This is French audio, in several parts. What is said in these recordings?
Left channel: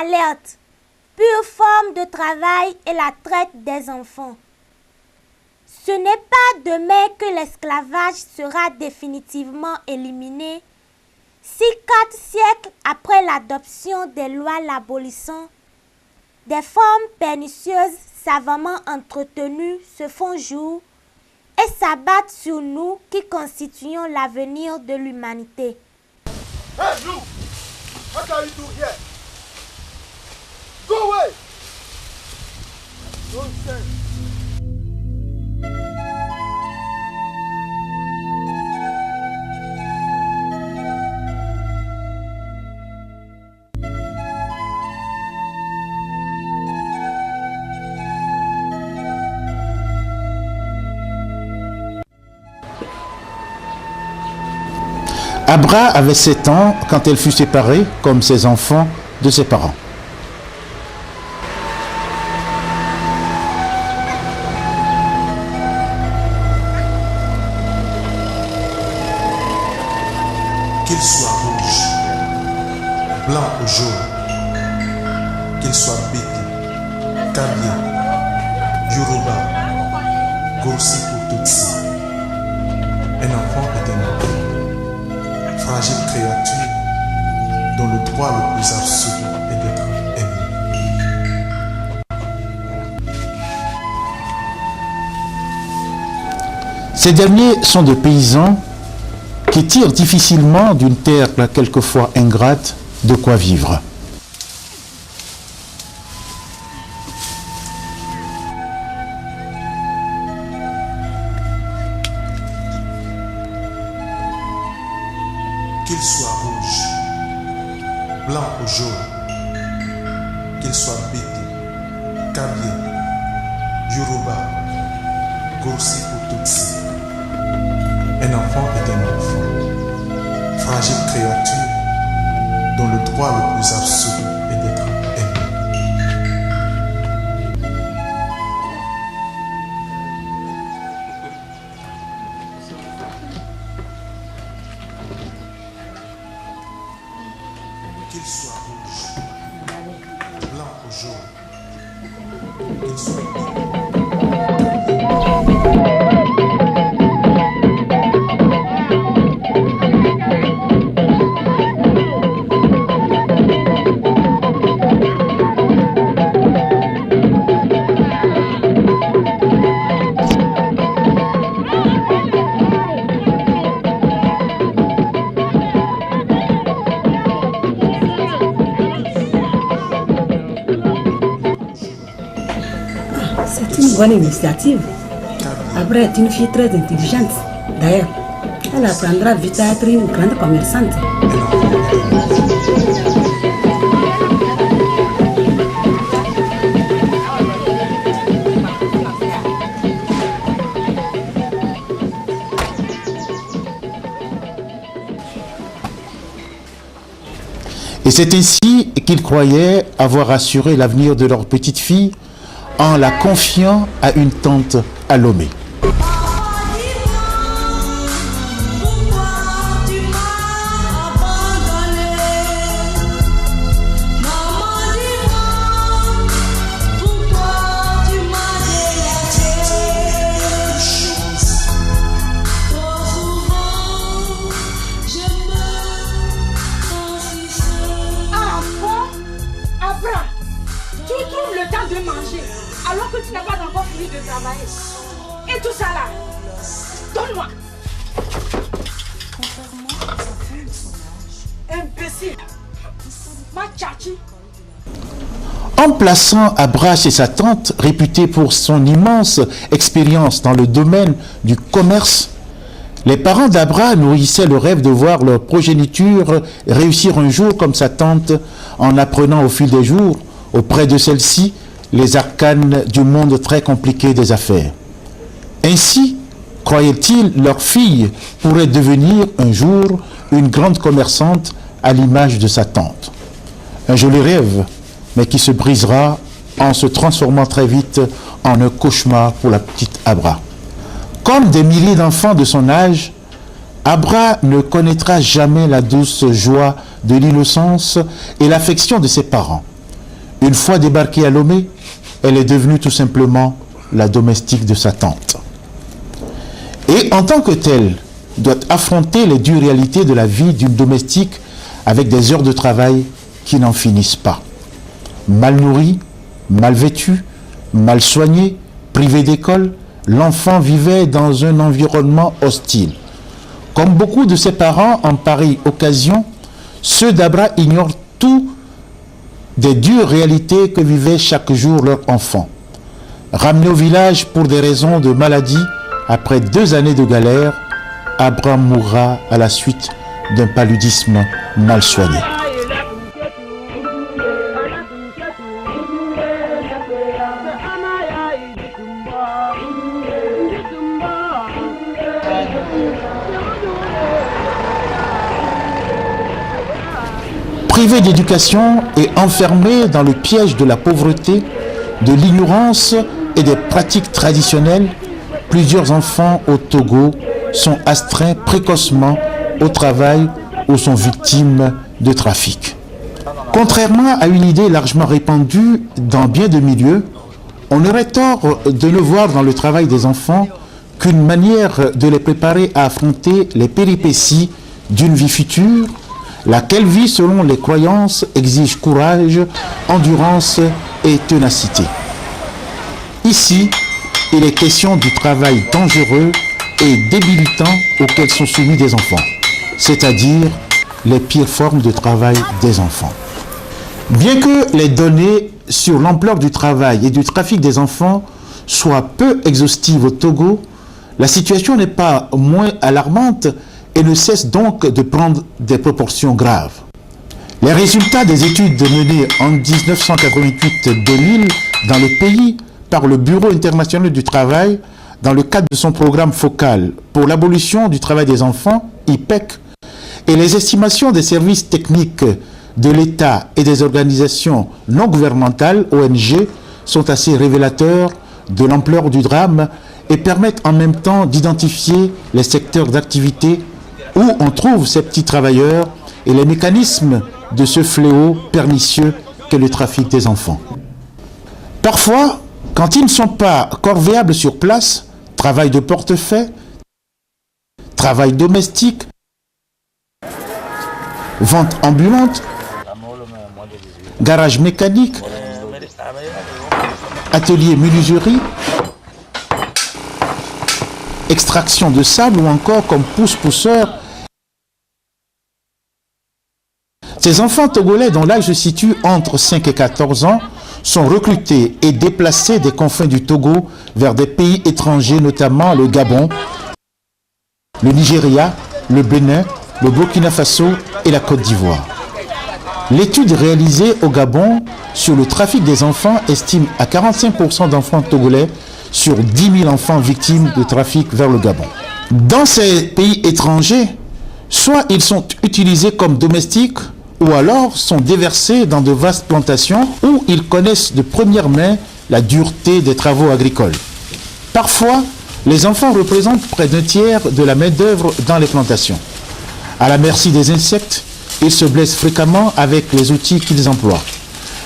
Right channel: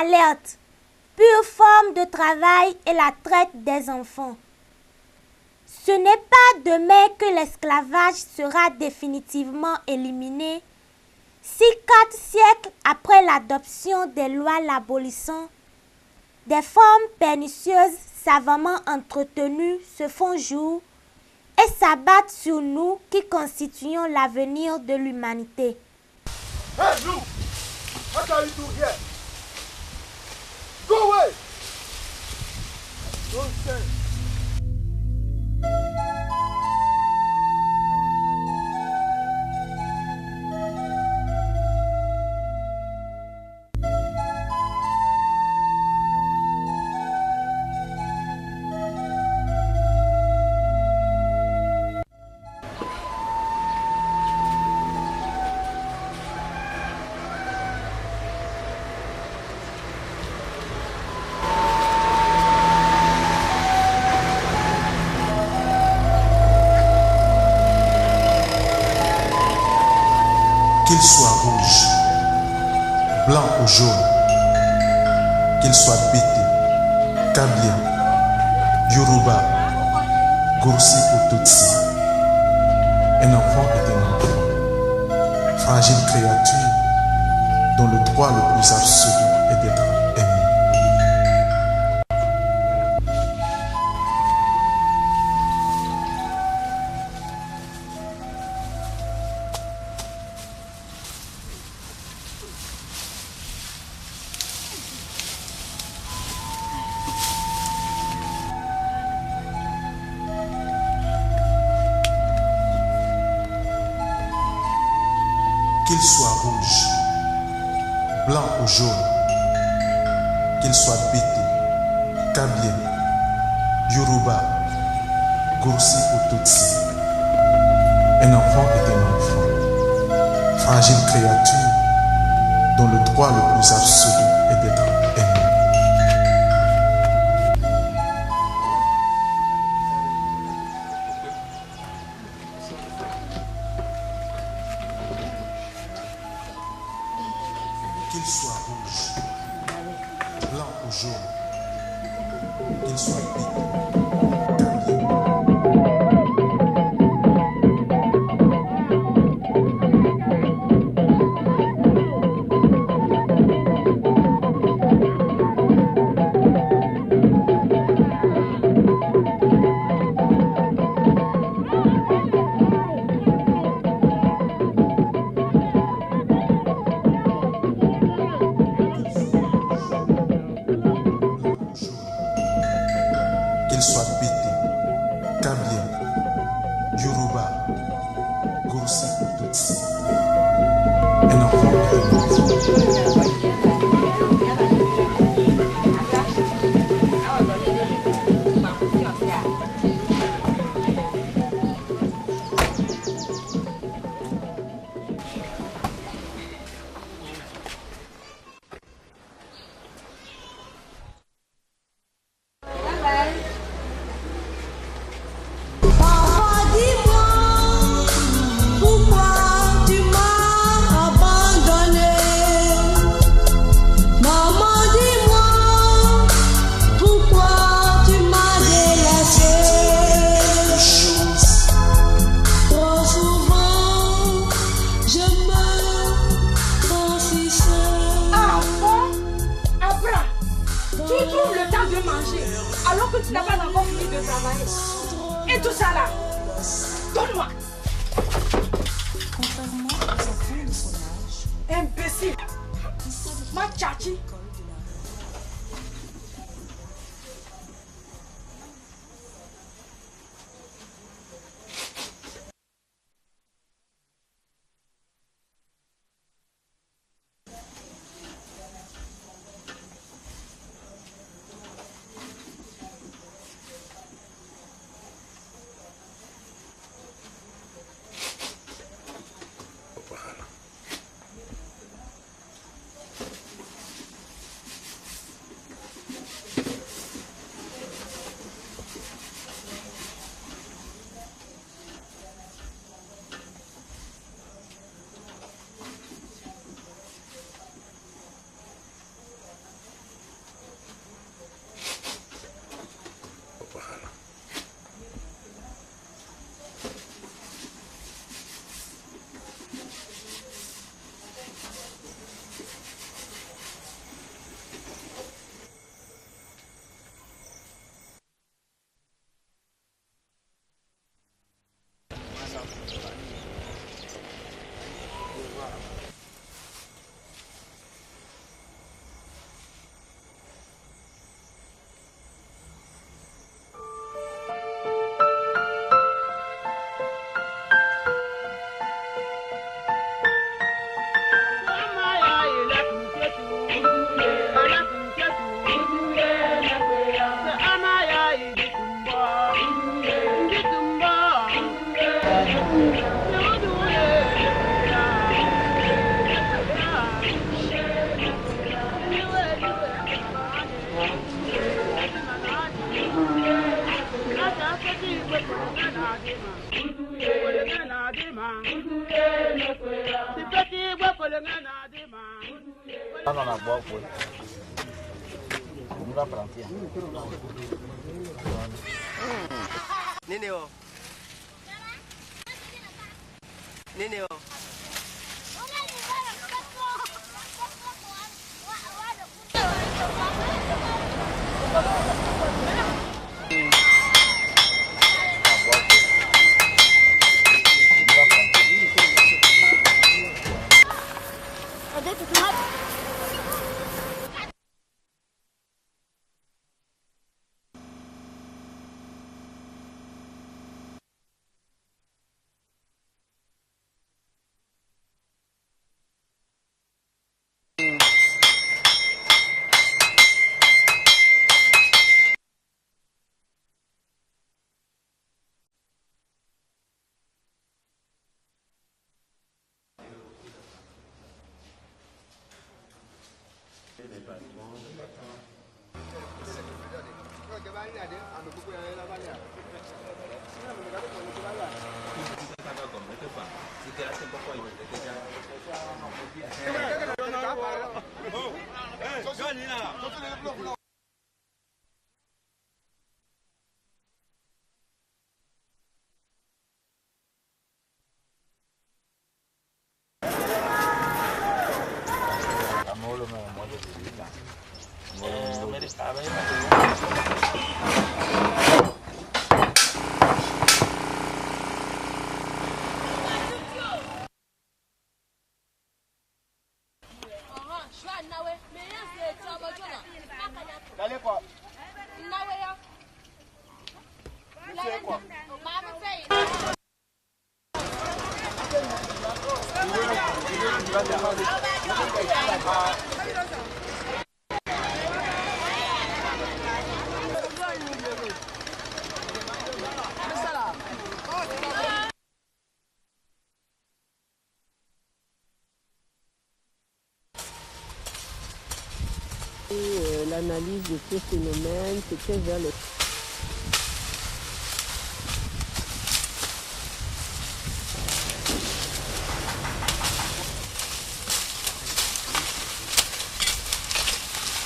alerte, pure forme de travail et la traite des enfants. Ce n'est pas demain que l'esclavage sera définitivement éliminé si 4 siècles après l'adoption des lois l'abolissant, des formes pernicieuses savamment entretenues se font jour et s'abattent sur nous qui constituons l'avenir de l'humanité. Hey, you! What are you doing here? Go away! Don't stand. Abra avait 7 ans quand elle fut séparée, comme ses enfants, de ses parents. Qu'il soit rouge, blanc ou jaune, qu'il soit bété, Kabia, Yoruba, Goursi ou Tutsi, un enfant est un enfant. Fragile créature dont le droit le plus absolu est d'être aimé. Ces derniers sont des paysans qui tirent difficilement d'une terre quelquefois ingrate de quoi vivre. Qu'il soit rouge, blanc ou jaune, qu'il soit bété, Kabia, Yoruba, Goursi ou Tutsi, un enfant est un enfant. Fragile créature dont le droit le plus absolu est d'être aimé. Qu'il soit rouge, blanc ou jaune, qu'il soit bonne initiative. Après, est une fille très intelligente. D'ailleurs, elle apprendra vite à être une grande commerçante. Et c'est ainsi qu'ils croyaient avoir assuré l'avenir de leur petite fille en la confiant à une tante à Lomé. Papa, dis-moi, pourquoi tu m'as abandonné? Maman, dis-moi, pourquoi tu m'as délaissé? Trop souvent, je me sens si seule. Ah bon? Abra, tu trouves le temps de manger alors que tu n'as pas encore fini de travailler. Et tout ça là, donne-moi. Contrairement aux enfants de son âge, Imbécile. Ma tchachi. En plaçant Abra chez sa tante, réputée pour son immense expérience dans le domaine du commerce, les parents d'Abra nourrissaient le rêve de voir leur progéniture réussir un jour comme sa tante, en apprenant au fil des jours, auprès de celle-ci, les arcanes du monde très compliqué des affaires. Ainsi, croyaient-ils, leur fille pourrait devenir un jour une grande commerçante à l'image de sa tante. Un joli rêve, mais qui se brisera en se transformant très vite en un cauchemar pour la petite Abra. Comme des milliers d'enfants de son âge, Abra ne connaîtra jamais la douce joie de l'innocence et l'affection de ses parents. Une fois débarquée à Lomé, elle est devenue tout simplement la domestique de sa tante. Et en tant que telle, doit affronter les dures réalités de la vie d'une domestique avec des heures de travail qui n'en finissent pas. Mal nourrie, mal vêtue, mal soignée, privée d'école, l'enfant vivait dans un environnement hostile. Comme beaucoup de ses parents en pareille occasion, ceux d'Abra ignorent tout des dures réalités que vivait chaque jour leur enfant. Ramené au village pour des raisons de maladie, après 2 années de galère, Abra mourra à la suite d'un paludisme mal soigné. Privé d'éducation et enfermé dans le piège de la pauvreté, de l'ignorance et des pratiques traditionnelles, plusieurs enfants au Togo sont astreints précocement au travail ou sont victimes de trafic. Contrairement à une idée largement répandue dans bien de milieux, on aurait tort de ne voir dans le travail des enfants qu'une manière de les préparer à affronter les péripéties d'une vie future, laquelle vie, selon les croyances, exige courage, endurance et ténacité. Ici, il est question du travail dangereux et débilitant auquel sont soumis des enfants, c'est-à-dire les pires formes de travail des enfants. Bien que les données sur l'ampleur du travail et du trafic des enfants soient peu exhaustives au Togo, la situation n'est pas moins alarmante et ne cesse donc de prendre des proportions graves. Les résultats des études menées en 1988-2000 dans le pays par le Bureau international du travail dans le cadre de son programme focal pour l'abolition du travail des enfants, IPEC, et les estimations des services techniques de l'État et des organisations non gouvernementales, ONG, sont assez révélateurs de l'ampleur du drame et permettent en même temps d'identifier les secteurs d'activité où on trouve ces petits travailleurs et les mécanismes de ce fléau pernicieux qu'est le trafic des enfants. Parfois, quand ils ne sont pas corvéables sur place, travail de portefeuille, travail domestique, vente ambulante, garage mécanique, atelier menuiserie, extraction de sable ou encore comme pousse-pousseur. Ces enfants togolais dont l'âge se situe entre 5 et 14 ans sont recrutés et déplacés des confins du Togo vers des pays étrangers, notamment le Gabon, le Nigeria, le Bénin, le Burkina Faso et la Côte d'Ivoire. L'étude réalisée au Gabon sur le trafic des enfants estime à 45% d'enfants togolais sur 10 000 enfants victimes de trafic vers le Gabon. Dans ces pays étrangers, soit ils sont utilisés comme domestiques, ou alors sont déversés dans de vastes plantations où ils connaissent de première main la dureté des travaux agricoles. Parfois, les enfants représentent près d'un tiers de la main-d'œuvre dans les plantations. À la merci des insectes, ils se blessent fréquemment avec les outils qu'ils emploient.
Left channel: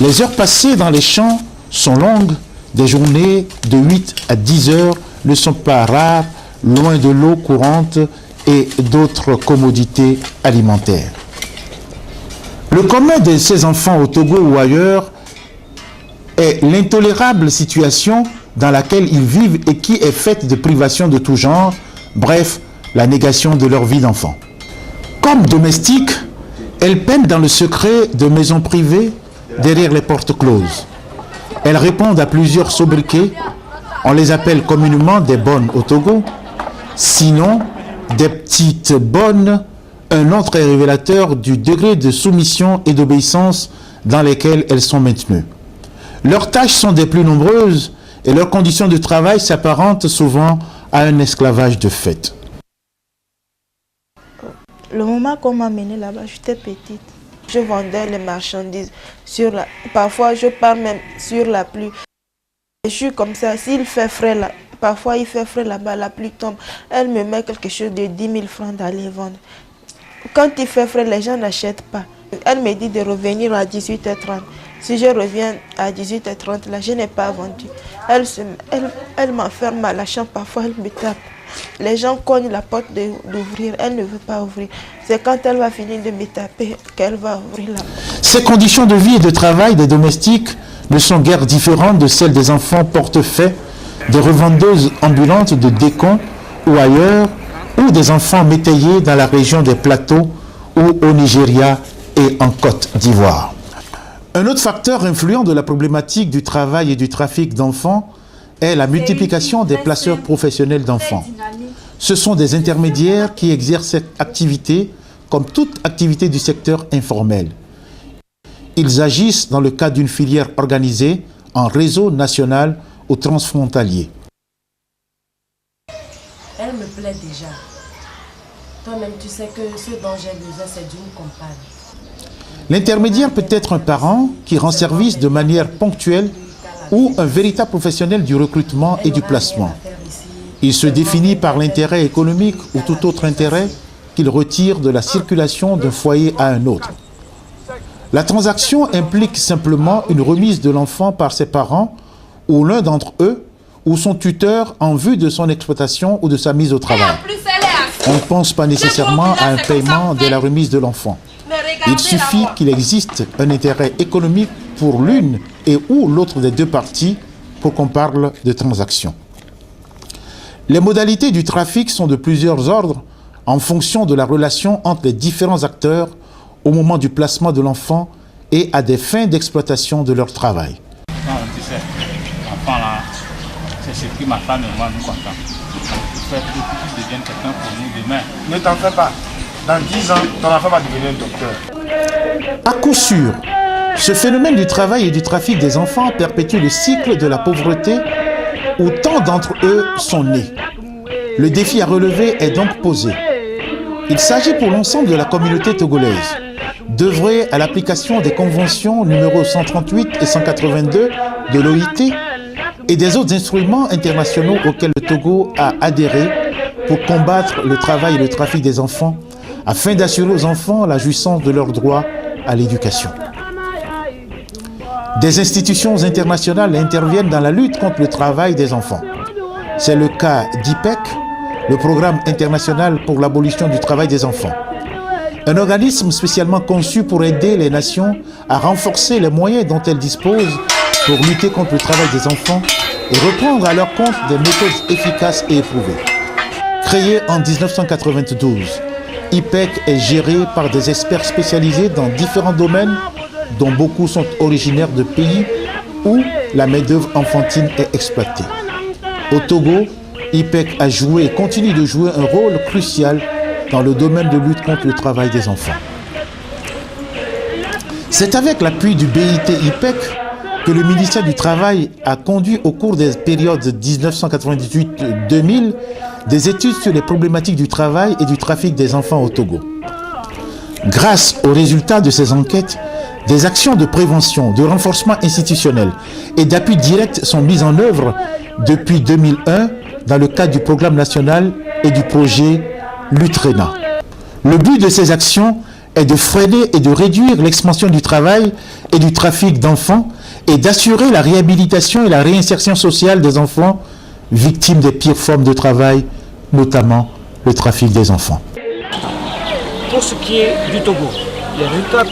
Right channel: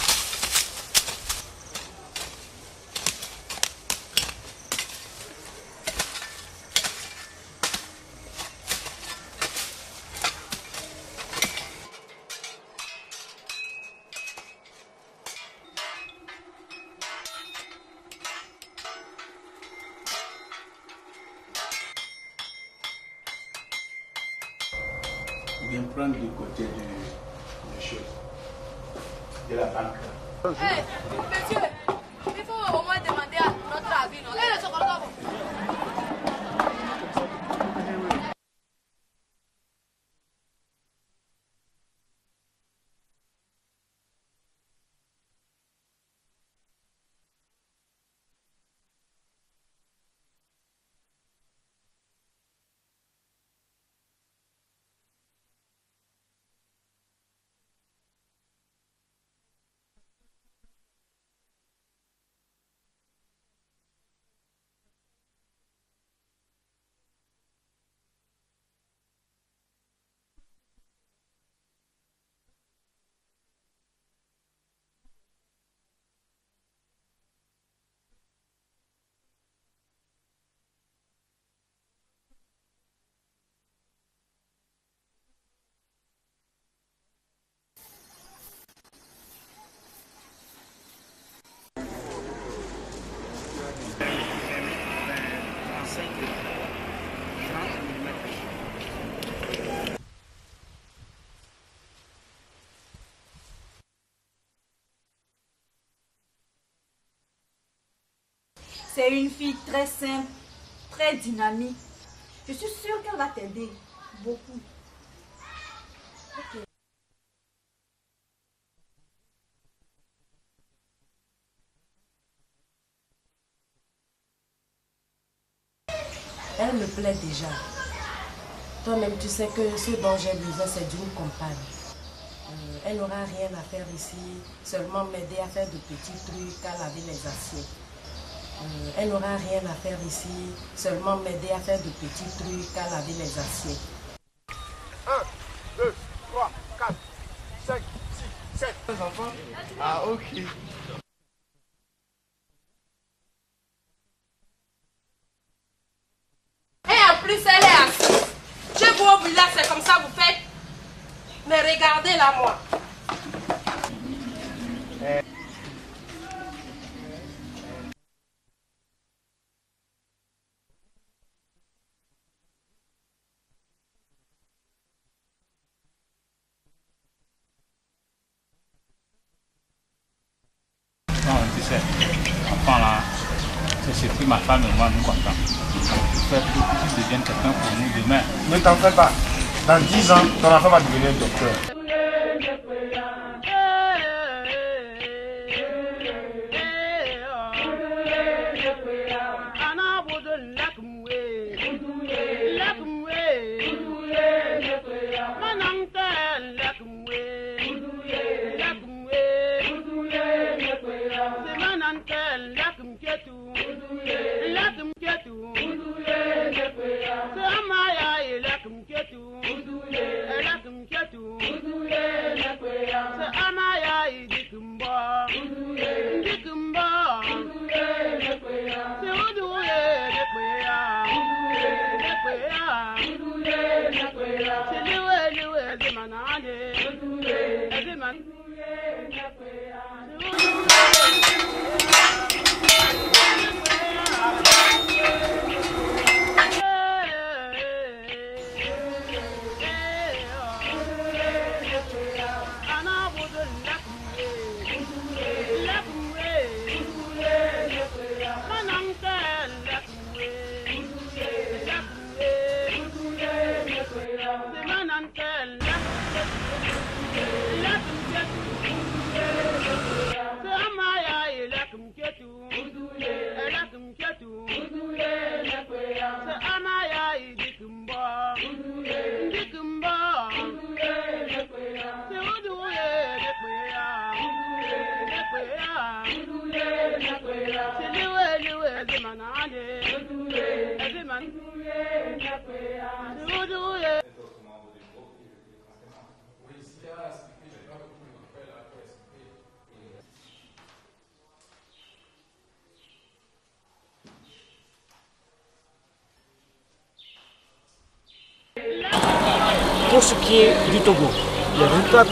Les heures passées dans les champs sont longues, des journées de 8 à 10 heures ne sont pas rares, loin de l'eau courante et d'autres commodités alimentaires. Le commun de ces enfants au Togo ou ailleurs est l'intolérable situation dans laquelle ils vivent et qui est faite de privations de tout genre, bref, la négation de leur vie d'enfant. Comme domestiques, elles peinent dans le secret de maisons privées derrière les portes closes. Elles répondent à plusieurs sobriquets, on les appelle communément des bonnes au Togo, sinon des petites bonnes. Un nom très révélateur du degré de soumission et d'obéissance dans lesquels elles sont maintenues. Leurs tâches sont des plus nombreuses et leurs conditions de travail s'apparentent souvent à un esclavage de fait. Le moment qu'on m'a amené là-bas, j'étais petite. Je vendais les marchandises. Parfois, je pars même sur la pluie. Je suis comme ça. S'il fait frais là, parfois il fait frais là-bas, la pluie tombe. Elle me met quelque chose de 10 000 francs d'aller vendre. Quand il fait frais, les gens n'achètent pas. Elle me dit de revenir à 18h30. Si je reviens à 18h30, là, je n'ai pas vendu. Elle m'enferme à la chambre, parfois elle me tape. Les gens cognent la porte d'ouvrir, elle ne veut pas ouvrir. C'est quand elle va finir de me taper qu'elle va ouvrir la porte. Ces conditions de vie et de travail des domestiques ne sont guère différentes de celles des enfants portefaix, des revendeuses ambulantes de Décon ou ailleurs, ou des enfants métayers dans la région des plateaux ou au Nigeria et en Côte d'Ivoire. Un autre facteur influent de la problématique du travail et du trafic d'enfants est la multiplication des placeurs professionnels d'enfants. Ce sont des intermédiaires qui exercent cette activité comme toute activité du secteur informel. Ils agissent dans le cadre d'une filière organisée en réseau national ou transfrontalier. Elle me plaît déjà. Toi-même, tu sais que ce dont j'ai besoin, c'est d'une compagne. L'intermédiaire peut être un parent qui rend service de manière ponctuelle ou un véritable professionnel du recrutement et du placement. Il se définit par l'intérêt économique ou tout autre intérêt qu'il retire de la circulation d'un foyer à un autre. La transaction implique simplement une remise de l'enfant par ses parents ou l'un d'entre eux ou son tuteur en vue de son exploitation ou de sa mise au travail. On ne pense pas nécessairement à un paiement de la remise de l'enfant. Il suffit qu'il existe un intérêt économique pour l'une et ou l'autre des deux parties pour qu'on parle de transaction. Les modalités du trafic sont de plusieurs ordres en fonction de la relation entre les différents acteurs au moment du placement de l'enfant et à des fins d'exploitation de leur travail. Non, tu sais, l'enfant là, c'est ce que ma femme et moi nous comptons. Il faut qu'il devienne quelqu'un pour nous demain. Ne t'en fais pas. Dans 10 ans, ton enfant va devenir un docteur. À coup sûr, ce phénomène du travail et du trafic des enfants perpétue le cycle de la pauvreté où tant d'entre eux sont nés. Le défi à relever est donc posé. Il s'agit pour l'ensemble de la communauté togolaise d'œuvrer à l'application des conventions numéro 138 et 182 de l'OIT et des autres instruments internationaux auxquels le Togo a adhéré pour combattre le travail et le trafic des enfants afin d'assurer aux enfants la jouissance de leurs droits à l'éducation. Des institutions internationales interviennent dans la lutte contre le travail des enfants. C'est le cas d'IPEC, le Programme international pour l'abolition du travail des enfants. Un organisme spécialement conçu pour aider les nations à renforcer les moyens dont elles disposent pour lutter contre le travail des enfants et reprendre à leur compte des méthodes efficaces et éprouvées. Créé en 1992, IPEC est géré par des experts spécialisés dans différents domaines dont beaucoup sont originaires de pays où la main-d'œuvre enfantine est exploitée. Au Togo, IPEC a joué et continue de jouer un rôle crucial dans le domaine de lutte contre le travail des enfants. C'est avec l'appui du BIT IPEC que le ministère du Travail a conduit au cours des périodes 1998-2000 des études sur les problématiques du travail et du trafic des enfants au Togo. Grâce aux résultats de ces enquêtes, des actions de prévention, de renforcement institutionnel et d'appui direct sont mises en œuvre depuis 2001 dans le cadre du programme national et du projet Lutrena. Le but de ces actions est de freiner et de réduire l'expansion du travail et du trafic d'enfants et d'assurer la réhabilitation et la réinsertion sociale des enfants victimes des pires formes de travail, notamment le trafic des enfants. Pour ce qui est du Togo, les résultats